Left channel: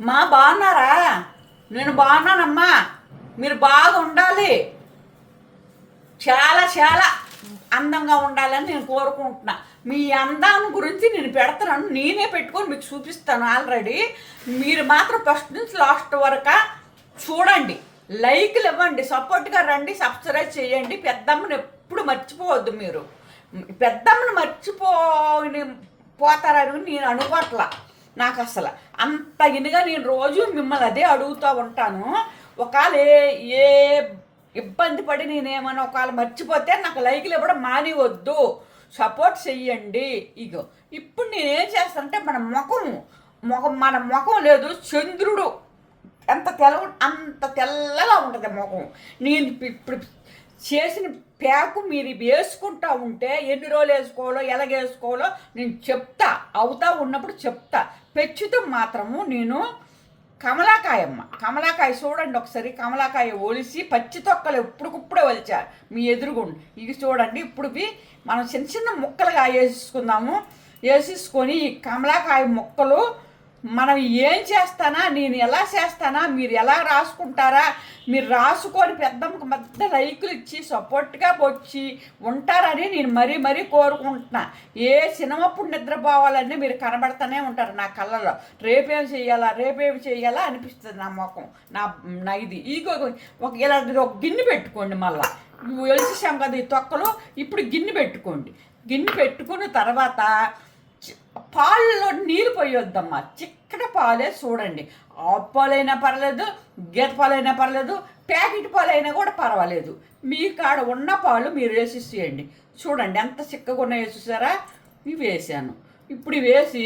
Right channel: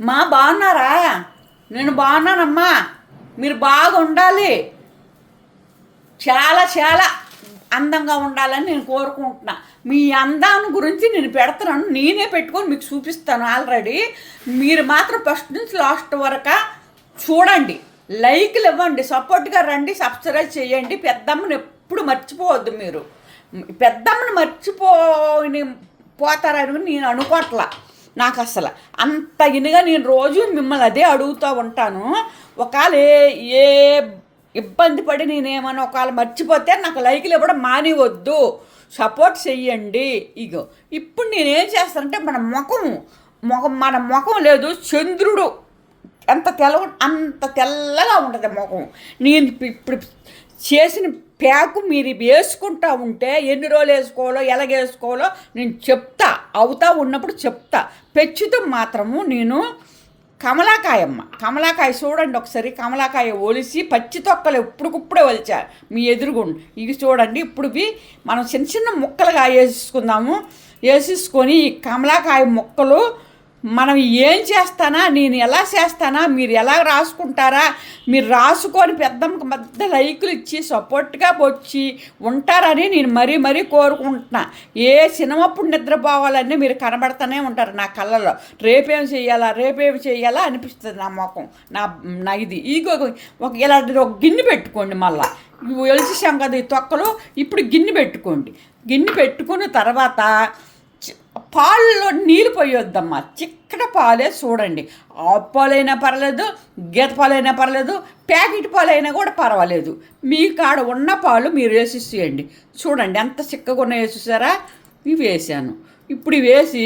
మా బాగున్నారా నేను బాగున్నానమ్మా మీరు బాగా ఉండాలి చాలా చాలా అందంగా ఉండాలని నేను కోరుకుంటున్నా. మీ అందాన్ని గురించి నేను పెడతాను. నేనే పెట్టుకొని మీకు చూపిస్తాను ఆల్రెడీ. మీరు మాత్రం ఫస్ట్ నుంచి లాస్ట్ వరకు చూడండి. లైక్లు ఇవ్వండి. సపోర్ట్గా రండి. సబ్స్క్రైబ్ చేయండి. పెద్దమ్మని ఎప్పుడు మర్చిపోవద్దు మీరు. పెద్దమ్మని మర్చిపోని పోతారని నేను అనుకోవట్లా నాకు అసలు అంత ఇనిగా నేను రోజు మిమ్మల్ని అదే అడుగుతూ ఉంటాను. ఒకవేళ ఏ ఏ ఇబ్బంది పడి నేనేమన్నా ఒకవేళ మర్చిపోతే నాకు లైకులు ఇవ్వడం మానివద్దు సపోర్ట్ చెయ్యండి. ఇగో ఇప్పుడు నేనేం చేస్తానంటే మన ముఖం ముఖం మన ముఖం లేదు చంద్రుడు. ఎంత తెల్ల అంత తెల్లగా ఉంటుంది ముఖం. నేను ఇప్పుడు చేసిన ప్యాకు మీరు వేసుకుంటా ఉంటే ఎన్ని రోజులు వేసుకోవాలో ఎలాగేసుకోవాలో నేను చెప్తా. అవుతా ఉన్నప్పుడు చెప్తా. పెచ్చుతం మాత్రము నేను కమలాకాయమ్మ కమలాకాయ చూడండి ఒకసారి. కమలాకాయ ఒలిసి పచ్చి తొక్కలు ఇప్పుడుకిప్పుడే ఒలిచా. మీ ఎదురుగుండు. ఇవి చూడండి. ఇప్పుడువి మనం చిన్న చిన్న ముక్కలుగా వేసేసుకుందాము. వేసేసుకొని ఈ కమలాకాయ ముక్కలు మనం ఏం చేస్తానా నేను ఎలా చేస్తానా మీరు ఎలా రాసుకుంటారా మీరు రాసుకొని పెద్దమ్మకి పెద్ద లైకులు ఇచ్చి సపోర్ట్గా వచ్చి ఉంటారని నేను మరీ మరీ కోరుకుంటున్నా. ఏ సినిమప్పుడు నిద్రపోవాలని మీరు కనబడుతూనే ఉంటారు నా కళ్ళలో. రేపేం చేయాలా రేపేం చేయాలా అనిపిస్తుంది నా ముఖం. నా నా ఇది. ఈగో ఒక ఇలాంటిది ఒక గిన్నె పెట్టుకోండి మళ్ళీ. ఒలిచేసాం కదా ఈ తొక్కలు ఇప్పుడు గిన్నె పెట్టుకోండి. గిన్నె పెట్టుకున్న తర్వాత పాలలో నీళ్ళు పోయొద్దమ్మా. చిక్కట పాలే చూడండి. ఆవు పాలైనా పర్లేదు గీత పాలైనా పర్లేదు ప్యాకెట్ పాలైనా కూడా పర్వాలేదు. మీ కాడ ఉన్న పాలు మీరు వేసేసేయండి చూడండి ఎంత చిక్కగా ఉన్న వేసేసారా ఇవి వేసాను. ఇప్పుడు వేసి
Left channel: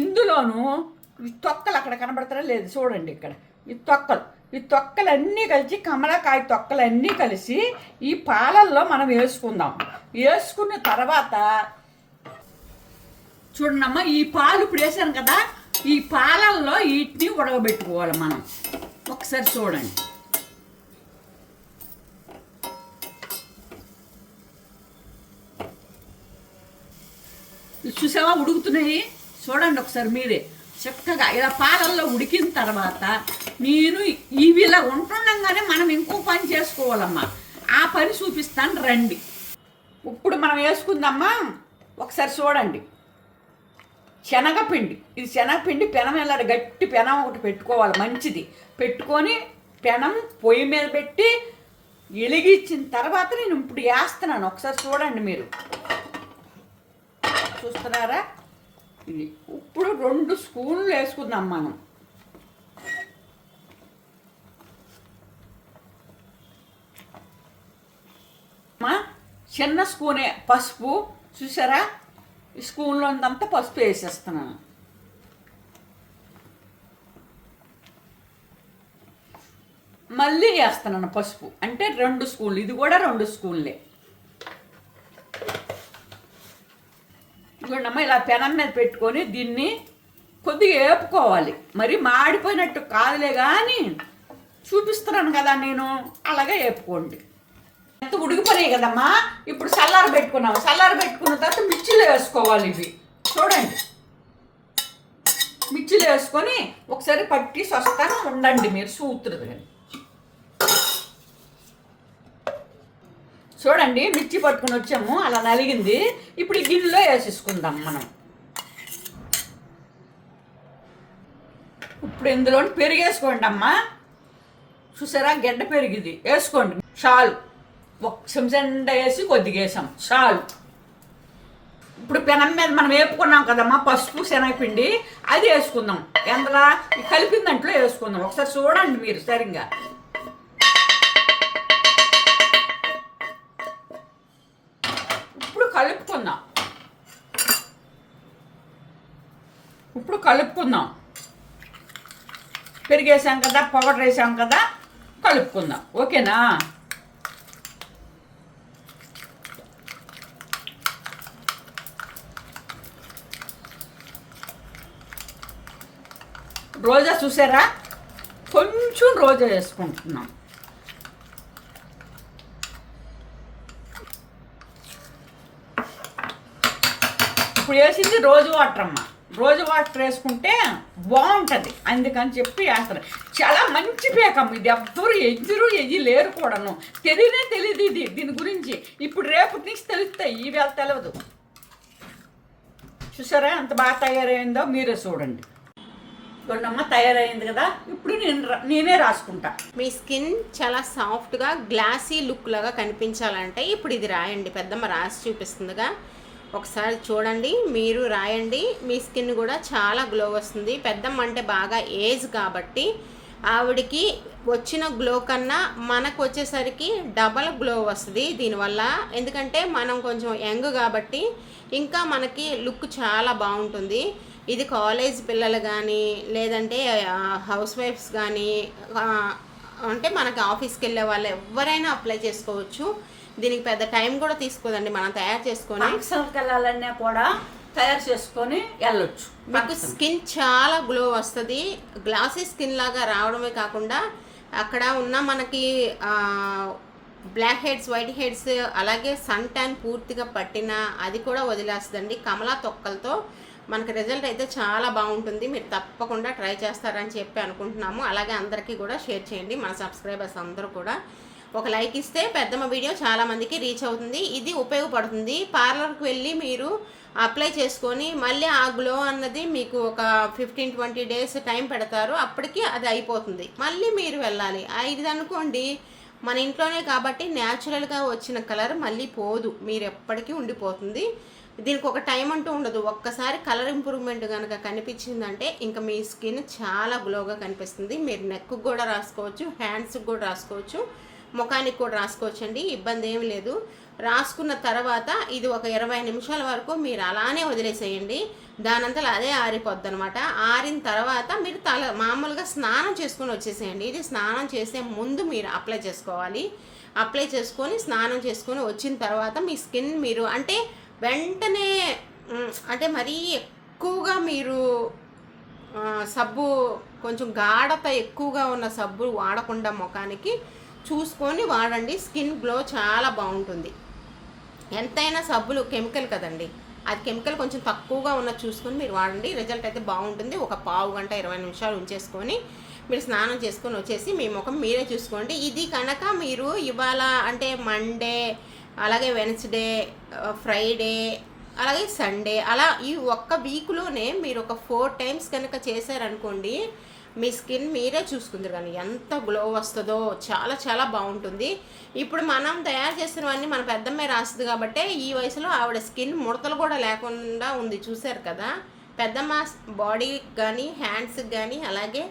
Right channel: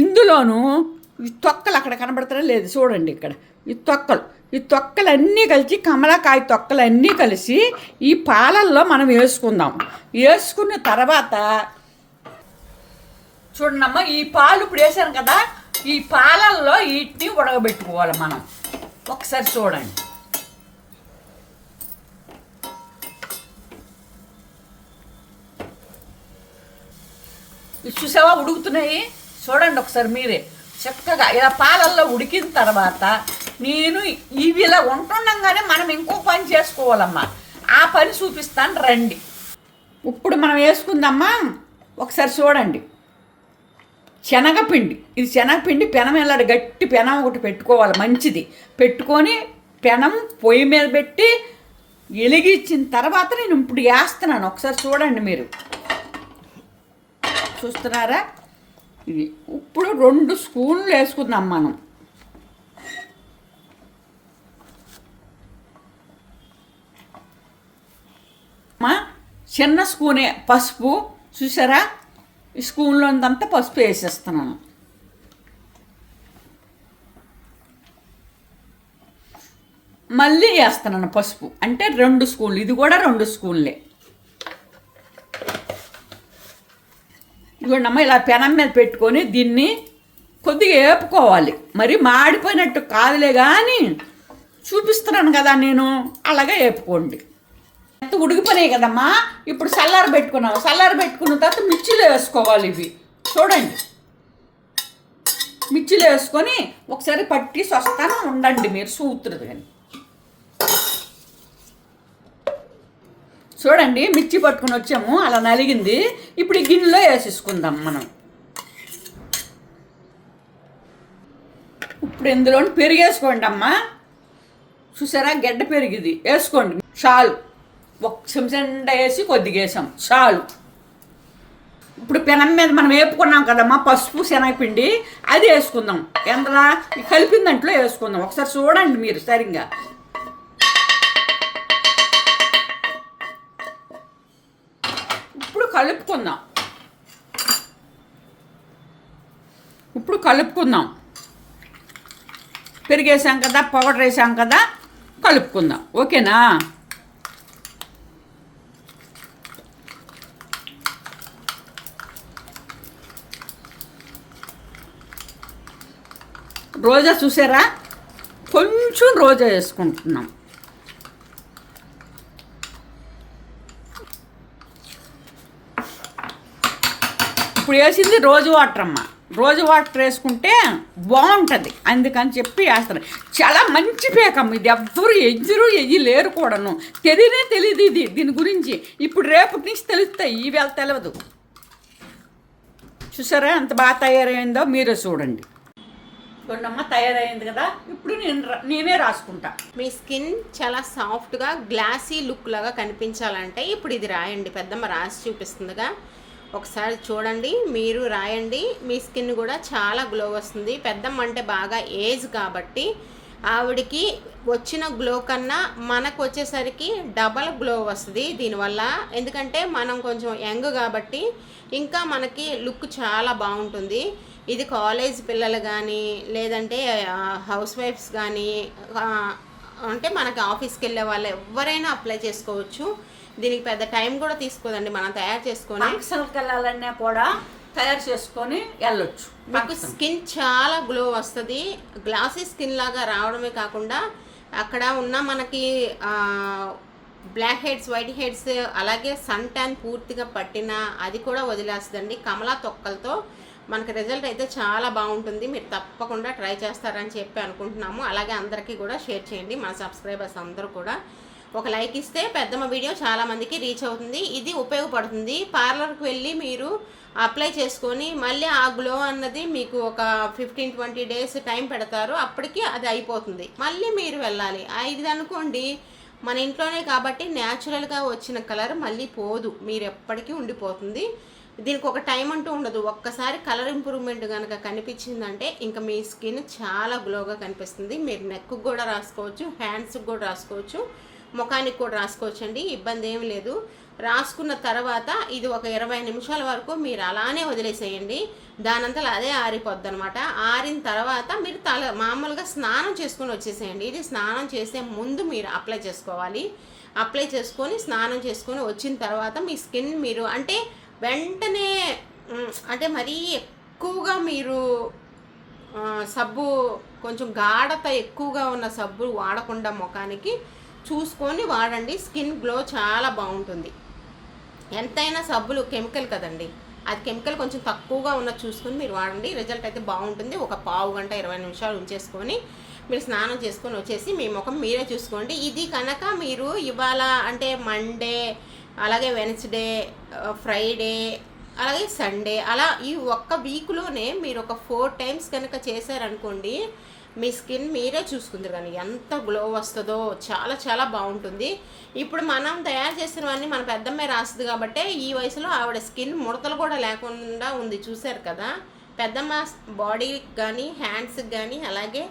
ఇందులోనూ ఈ తొక్కలు అక్కడ కనబడతారా లేదు చూడండి ఇక్కడ. ఈ తొక్కలు. ఈ తొక్కలన్నీ కలిసి కమలాకాయ తొక్కలన్నీ కలిసి ఈ పాలల్లో మనం వేసుకుందాం. వేసుకున్న తర్వాత చూడండమ్మా ఈ పాలు ఇప్పుడు వేసాను కదా ఈ పాలల్లో వీటిని ఉడకబెట్టుకోవాలి మనం. ఒకసారి చూడండి. చూసావా ఉడుకుతున్నాయి? చూడండి ఒకసారి మీరే. చక్కగా ఇలా పాలల్లో ఉడికిన తర్వాత నేను ఇవి ఇలా ఉంటుండగానే మనం ఇంకో పని చేసుకోవాలమ్మా. ఆ పని చూపిస్తాను రండి. ఇప్పుడు మనం వేసుకుందామా? ఒకసారి చూడండి. శనగపిండి. ఇది శనగపిండి పెనం ఇలా గట్టి పెనం ఒకటి పెట్టుకోవాలి మంచిది. పెట్టుకొని పెనం పొయ్యి మీద పెట్టి వెలిగించిన తర్వాత నేను ఇప్పుడు వేస్తున్నాను. ఒకసారి చూడండి మీరు. చూస్తున్నారా? ఇది ఇప్పుడు రెండు స్పూన్లు వేసుకుందాం మనం. చిన్న స్పూనే పసుపు. చూసారా? ఈ అంతా పసుపు వేసేస్తున్నాను. మళ్ళీ వేస్తున్నాను పసుపు. అంటే రెండు స్పూన్లు ఇది కూడా రెండు స్పూన్లే ఇదిగోండమ్మ ఇలా పెనం మీద పెట్టుకొని దీన్ని కొద్దిగా వేపుకోవాలి మరి మాడిపోయినట్టు కాదులే కానీ చూపిస్తున్నాను కదా నేను. అలాగే వేపుకోండి ఉడికిపోయినాయి కదమ్మా. ఇప్పుడు చల్లారు పెట్టుకున్నాం చల్లారు పెట్టుకున్న తర్వాత మిర్చిలో వేసుకోవాలి ఇవి. చూడండి. మిర్చిలో వేసుకొని ఒకసారి పట్టి వస్తాను ఉండండి మీరు సూత్రుడు కానీ చూడండి మిర్చి పట్టుకుని వచ్చాము. అలా నలిగింది. ఇప్పుడు ఈ గిన్నెలో వేసేసుకుందాం మనం. ఇప్పుడు ఇందులో పెరిగేసుకోండి అమ్మా. చూసారా? గడ్డ పెరిగింది. వేసుకోండి. చాలు. ఒక చెంచండ వేసి కొద్దిగా వేసాం చాలు. ఇప్పుడు పెనం మీద మనం వేపుకున్నాం కదమ్మా పసుపు శనగపిండి అది వేసుకుందాం ఎంతలా? కలిపిన దాంట్లో వేసుకుందాం ఒకసారి చూడండి మీరు సరిగ్గా. ఇప్పుడు కలుపుకుందాం. ఇప్పుడు కలుపుకుందాం. పెరిగేసాం కదా పౌడర్ వేసాం కదా కలుపుకుందాం. ఓకేనా? రోజా చూసారా? కొంచెం రోజా వేసుకుంటున్నాం. ఇప్పుడు వేసింది రోజు వాటర్ అమ్మ. రోజు వాటర్ వేసుకుంటే బాగుంటుంది. అందుకని చెప్పి వేస్తాను. చాలా మంచి పేకమ్మ ఇది. ఎవ్వరు ఎజ్జరు ఎయ్యి లేరు కూడాను. తెలియనే తెలియదు ఇది. దీని గురించి ఇప్పుడు రేపటి నుంచి తెలుస్తాయి. ఈ తెలియదు చూసారా ఎంత బాగా తయారైందో? మీరే చూడండి. చూడమ్మా తయారైంది కదా. ఇప్పుడు నేను రా- నేనే రాసుకుంటా. మీ స్కిన్ చాలా సాఫ్ట్గా గ్లాసీ లుక్ లాగా కనిపించాలంటే ఇప్పుడు ఇది రాయండి. పెద్దమ్మ రాసి చూపిస్తుందిగా. ఒకసారి చూడండి మీరు రాయండి. మీ స్కిన్ కూడా చాలా గ్లో వస్తుంది. పెద్దమ్మ అంటే బాగా ఏజ్ కాబట్టి ఆవిడకి వచ్చిన గ్లో కన్నా మనకు వచ్చేసరికి డబల్ గ్లో వస్తుంది దీనివల్ల. ఎందుకంటే మనం కొంచెం యంగ్ కాబట్టి ఇంకా మనకి లుక్ చాలా బాగుంటుంది. ఇది కాలేజ్ పిల్లలు కానీ లేదంటే హౌస్ వైఫ్స్ కానీ అంటే మనకి ఆఫీస్కి వెళ్ళే వాళ్ళు ఎవరైనా అప్లై చేసుకోవచ్చు. దీనికి పెద్ద టైం కూడా తీసుకోదండి మనం తయారు చేసుకొని ఫంక్షన్కి వెళ్ళాలన్నా కూడా తయారు చేసుకొని వెళ్ళొచ్చు. మీకు స్కిన్ చాలా గ్లో వస్తుంది. గ్లాసీ స్కిన్ లాగా రావడమే కాకుండా అక్కడ ఉన్న మనకి బ్లాక్ హెడ్స్ వైట్ హెడ్స్ అలాగే సన్ ట్యాన్ పూర్తిగా పట్టిన అది కూడా వదిలేస్తుందండి. కమలా తొక్కలతో మనకి రిజల్ట్ అయితే చాలా బాగుంటుంది. మీరు తప్పకుండా ట్రై చేస్తారని చెప్పి అనుకుంటున్నాము. అలాగే అందరికీ కూడా షేర్ చేయండి. మన సబ్స్క్రైబర్స్ అందరూ కూడా. ఒక లైక్ ఇస్తే పెద్దమ్మ వీడియో చాలామందికి రీచ్ అవుతుంది. ఇది ఉపయోగపడుతుంది. పార్లర్కి వెళ్ళి మీరు అప్లై చేసుకొని మళ్ళీ ఆ గ్లో అన్నది మీకు ఒక ఫిఫ్టీన్ ట్వంటీ డేస్ టైం పెడతారు. అప్పటికి అది అయిపోతుంది. మళ్ళీ మీరు వెళ్ళాలి. ఇది అనుకోండి. మన ఇంట్లోనే కాబట్టి న్యాచురల్గా వచ్చిన కలర్ మళ్ళీ పోదు. మీరు ఎప్పటికీ ఉండిపోతుంది. దీనికి ఒక టైం అంటూ ఉండదు. ఒక్కసారి కలర్ ఇంప్రూవ్మెంట్ కనుక కనిపించిందంటే ఇంకా మీ స్కిన్ చాలా గ్లోగా కనిపిస్తుంది. మీరు నెక్కు కూడా రాసుకోవచ్చు హ్యాండ్స్కి కూడా రాసుకోవచ్చు ముఖానికి కూడా రాసుకోవచ్చు అండి. ఇబ్బంది ఏమి లేదు. రాసుకున్న తర్వాత ఇది ఒక ఇరవై నిమిషాల వరకు మీరు అలానే వదిలేసేయండి. దానంతా అదే ఆరిపోద్ది అనమాట ఆరిన తర్వాత మీరు తల మామూలుగా స్నానం చేసుకొని వచ్చేసేయండి. ఇది స్నానం చేసే ముందు మీరు అప్లై చేసుకోవాలి. అప్లై చేసుకొని స్నానం చేసుకొని వచ్చిన తర్వాత మీ స్కిన్ మీరు అంటే వెంటనే అంటే మరీ ఎక్కువగా మీరు సబ్బు కొంచెం గాఢత ఎక్కువగా ఉన్న సబ్బు వాడకుండా ముఖానికి చూసుకొని వాడండి. స్కిన్ గ్లో చాలా బాగుంటుంది. ఎంతైనా సబ్బులు కెమికల్ కదండి. అది కెమికల్ కొంచెం తక్కువగా ఉన్న చూసుకొని మీరు వాడండి. రిజల్ట్ అయితే బాగుంటుంది. ఒక పావు గంట ఇరవై నిమిషాలు ఉంచేసుకొని మీరు స్నానం చేసుకొని వచ్చేసి మీ ముఖం మీరే చూసుకోండి. ఇది కనుక మీరు ఇవాళ అంటే మండే అలాగే వెన్స్డే ఫ్రైడే uh, అలాగే సండే అలా ఈ ఒక్క వీక్లోనే మీరు ఒక ఫోర్ టైమ్స్ కనుక చేశారనుకోండి మీ స్కిన్ మీరే చూసుకుందరు కానీ ఎంత గ్లో వస్తుందో చాలా చాలా బాగుంటుంది. ఇప్పుడు మనం తయారు చేసినవన్నీ మన పెద్దమ్మే రాస్తుంది కాబట్టి ఈ వయసులో ఆవిడ స్కిన్ ముడతలు కూడా లేకుండా ఉంది. చూశారు కదా? పెద్దమ్మ బాడీకి కానీ హ్యాండ్స్కి కానీ అలాగే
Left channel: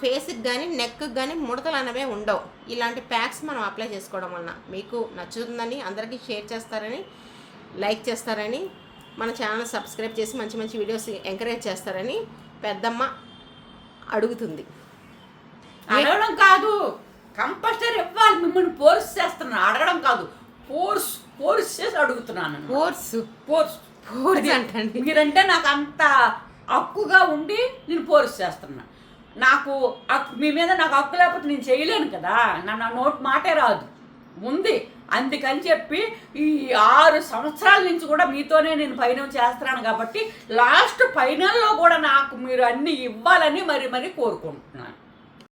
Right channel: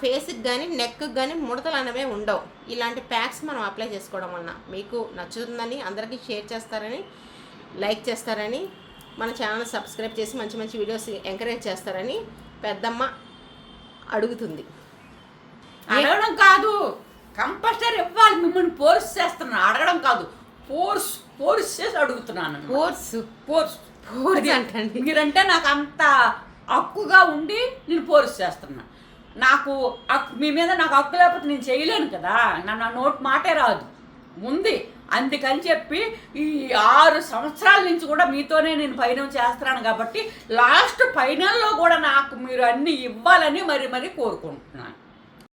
ఫేస్కి కానీ నెక్కి కానీ ముడతలు అనేవే ఉండవు. ఇలాంటి ప్యాక్స్ మనం అప్లై చేసుకోవడం వలన మీకు నచ్చుతుందని అందరికీ షేర్ చేస్తారని లైక్ చేస్తారని మన ఛానల్ సబ్స్క్రైబ్ చేసి మంచి మంచి వీడియోస్ ఎంకరేజ్ చేస్తారని పెద్దమ్మ అడుగుతుంది. అడగడం కాదు కంపల్సరీ ఇవ్వాలి మిమ్మల్ని ఫోర్స్ చేస్తున్నాను. అడగడం కాదు ఫోర్స్ ఫోర్స్ చేసి అడుగుతున్నాను ఫోర్స్ Force? అది అంటండి. మీరంటే నాకు అంత హక్కుగా ఉండి నేను ఫోర్స్ చేస్తున్నా నాకు మీ మీద నాకు హక్కు లేకపోతే నేను చేయలేను కదా. నా నా నోటి మాటే రాదు. ఉంది. అందుకని చెప్పి ఈ ఆరు సంవత్సరాల నుంచి కూడా మీతోనే నేను పైన చేస్తున్నాను కాబట్టి లాస్ట్ ఫైనల్లో కూడా నాకు మీరు అన్ని ఇవ్వాలని మరి మరి కోరుకుంటున్నాను.